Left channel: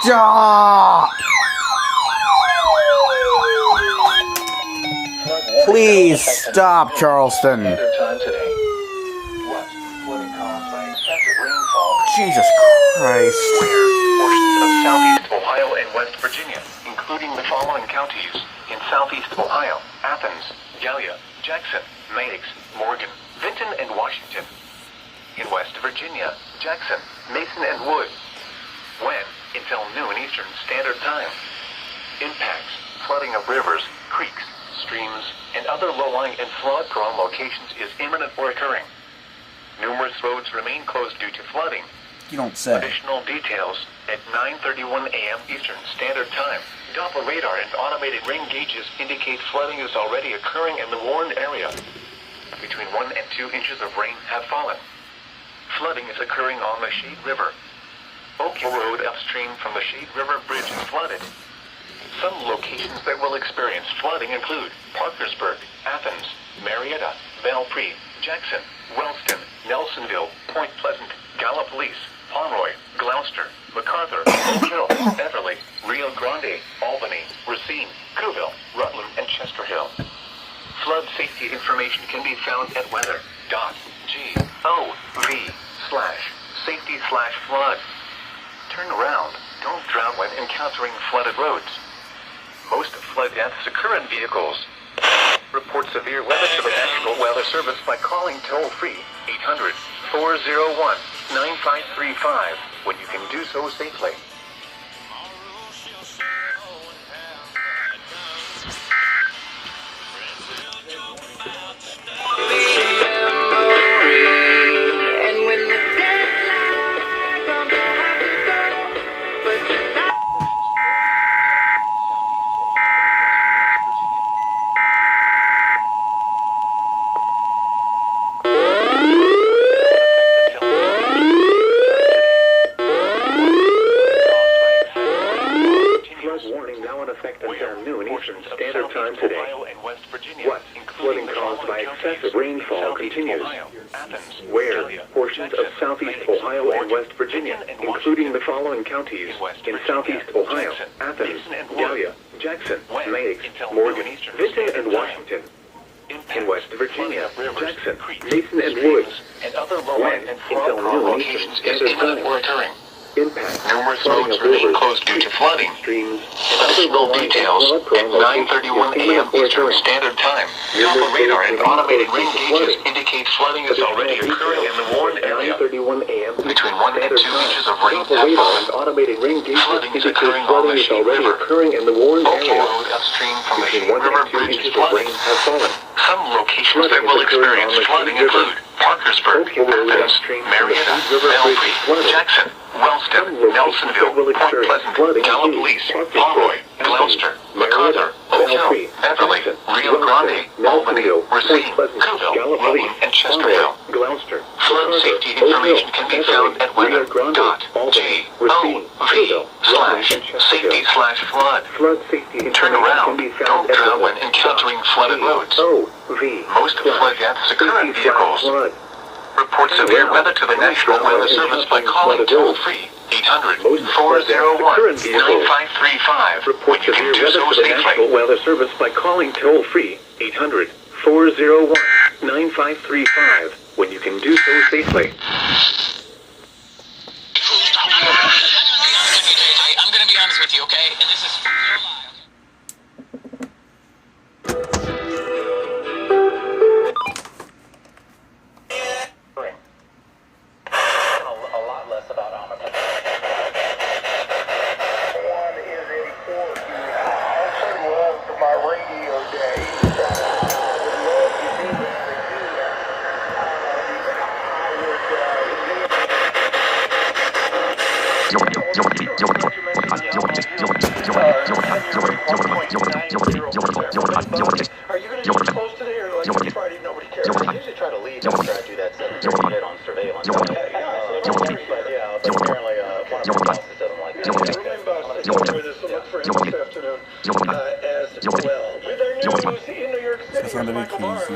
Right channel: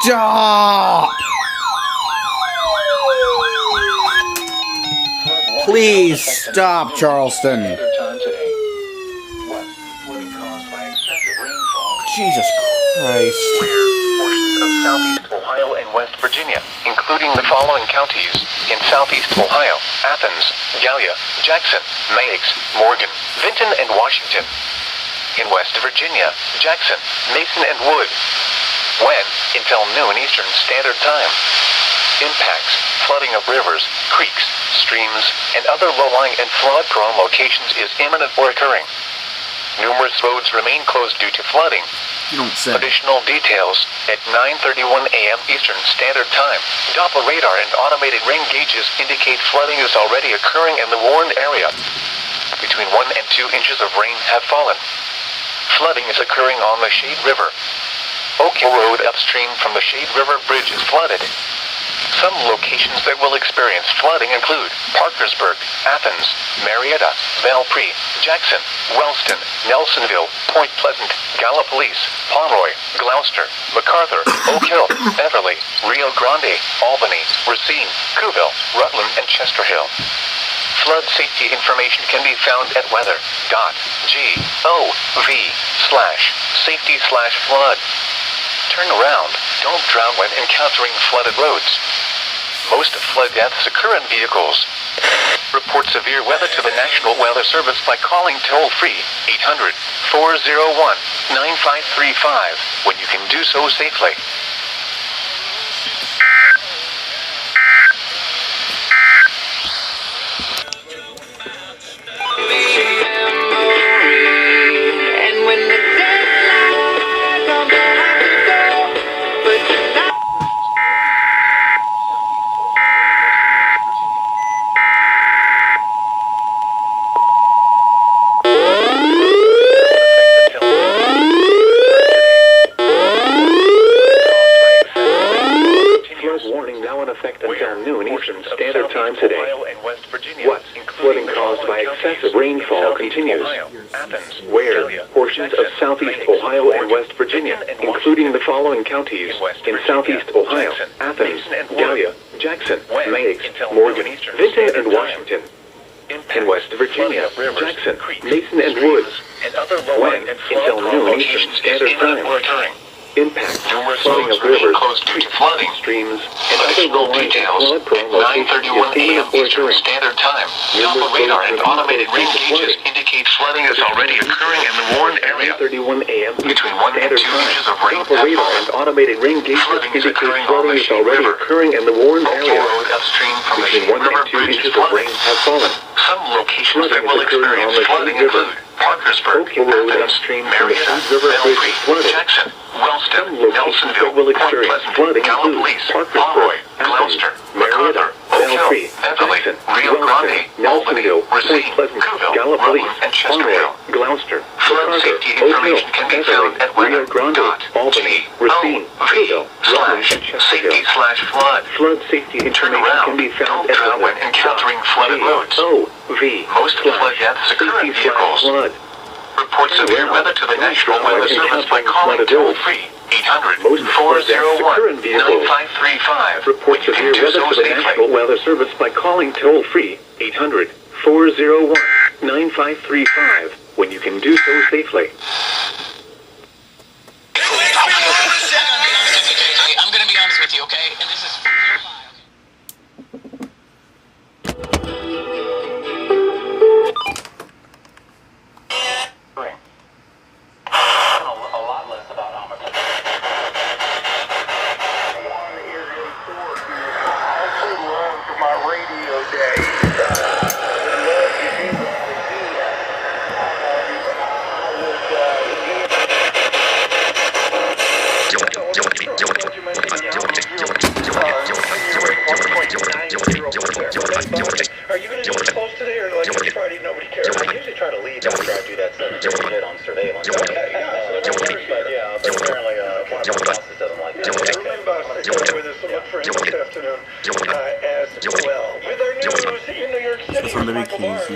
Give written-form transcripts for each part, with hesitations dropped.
Stop! Please stop, Charleston. Jesus Christ. Portions of southeast Ohio and West Virginia, including the following counties in southeast Ohio: Athens, Gallia, Jackson, Meigs, Morgan, Vinton, and Washington. In West Virginia, Jackson, Mason, and Wood. When? Until noon Eastern Standard Time. Impacts: flooding of rivers, creeks, streams, and other low-lying and flood-prone locations is imminent or occurring. Numerous roads remain closed due to flooding. You don't say. Additional details at 9:31 a.m. Eastern Standard Time. Doppler radar and automated rain gauges indicate flooding is already occurring in the warned area. Between 1 and 2 inches of rain have fallen. Flooding is occurring on the Shade River. Oak Hill Road upstream from the Shade River Bridge is flooded. Some locations that will experience flooding include Parkersburg, Athens, Marietta, Belpre, Jackson, Wellston, Nelsonville, Point Pleasant, Gallipolis, Pomeroy, Gloucester, MacArthur, Oak Hill, Beverly, Rio Grande, Albany, Racine, Cooville, Rutland, and Chester Hill. Flood safety information can be found at weather.gov/safety/flood. Turn around. Don't drown when encountering flooded roads. Most flood deaths occur in vehicles. Report severe weather to the National Weather Service by calling toll-free 800-401-9535 when you can do so safely. Portions of southeast Ohio and West Virginia, including the following counties in southeast Ohio: Athens, Gallia, Jackson, Meigs, Morgan, Vinton, and Washington. In West Virginia, Jackson, Mason, and Wood. When? Until noon locations is imminent or occurring. Impact: numerous roads remain closed due to flooding. Streams. Additional details at 9:31 a.m. Eastern Standard Time. Doppler radar and automated rain gauges indicate flooding is already occurring in the warned area. 9:31 a.m. Between 1 and 2 inches of rain have fallen. And automated rain gauges indicate flooding is already occurring in the warned area. Road upstream from the Shade River Bridge is flooding. Have fallen. Some locations that will experience flooding include Parkersburg, Athens, Marietta, Belpre, Jackson, Wellston, Nelsonville, Point Pleasant, Gallipolis, Pomeroy, Gloucester, MacArthur, Oak Hill, Beverly, Rio Grande, Albany, Racine, Cooville, Rutland, and Chester Hill. Gloucester. Flood safety information can be found at weather.gov/safety/flood. Flood safety information can be found at weather. When encountering flooded roads. Most flood deaths occur in vehicles. Report severe weather to the National Weather Service by calling toll-free 800-401-9535. Report severe weather to the National Weather Service by calling toll-free 800-401-9535 when you can do so safely. I'm going to be honest with you, okay? And this is real live. Are you going to do it close today, or like on Friday nobody cares? I usually try to leave after I do that stuff to get on surveillance. But apparently one of my bosses doesn't like that. There's some look for him this afternoon as well. With our news in New York City, Michael Barr.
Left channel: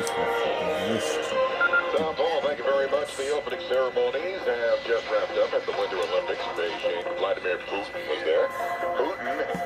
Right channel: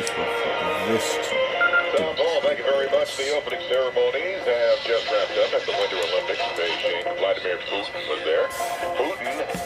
Tom Paul, thank you very much. The opening ceremonies have just wrapped up at the Winter Olympics in Beijing. Vladimir Putin was there. Putin